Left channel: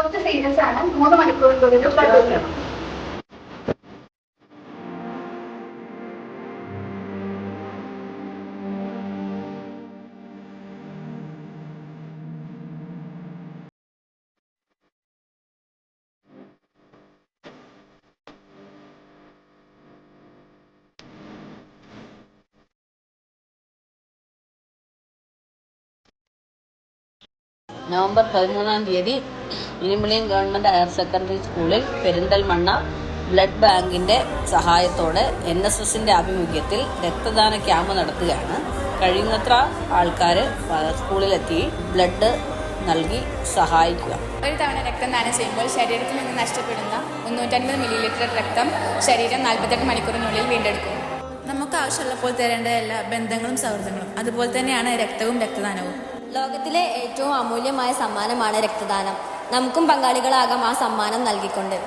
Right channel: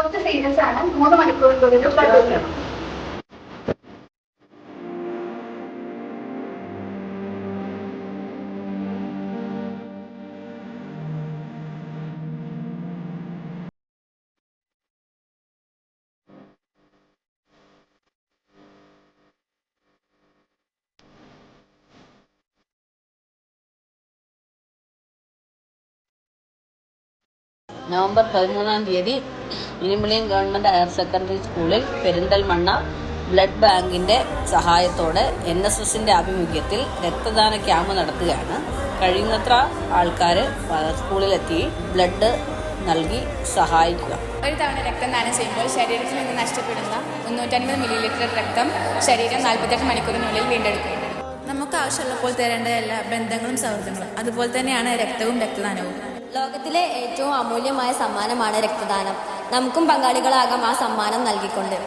കുറച്ച് സീരിയസ് ആണ്. 3 മണിക്കൂറിനുള്ളിൽ ബ്ലഡ് കൊടുക്കണം. നവംബർ 13-ാം തീയതി ഇനിമിളിയം ഗവൺമെൻറ് ഹയർ സെക്കൻഡറി സ്കൂളിൽ പെരിന്തൽമണ്ണ ബ്ലഡ് ബാങ്കിൻ്റെ സഹായത്തോടെ NSSൻ്റെ ആഭിമുഖ്യത്തിൽ രക്തദാന ക്യാമ്പ് നടത്തുകയാണ്. കഴിയുന്നത്ര ആൾക്കാർ സ്കൂളിലെത്തി ബ്ലഡ് നൽകി സഹായിക്കുക. ഒരു തവണ രക്തദാനം ചെയ്യുമ്പോൾ ശരീരത്തിൽ നിന്ന് നഷ്ടപ്പെടുന്ന 350 മില്ലിലിറ്റർ രക്തം ശരീരം 48 മണിക്കൂറിനുള്ളിൽ വീണ്ടെടുക്കും. നമുക്ക് ആവശ്യമുള്ളപ്പോൾ തരേണ്ട എല്ലാ ബന്ധങ്ങളും സൗഹൃദങ്ങളും അതുപോലെ തന്നെയാണ് രക്തവും രക്തദാനവും. ലോകത്തിലെ ഏറ്റവും അമൂല്യമായ സമ്മാനമാണ് രക്തദാനം. നമുക്കും പങ്കാളികളാകാം ആ സമ്മാനം നൽകിക്കൊണ്ട്.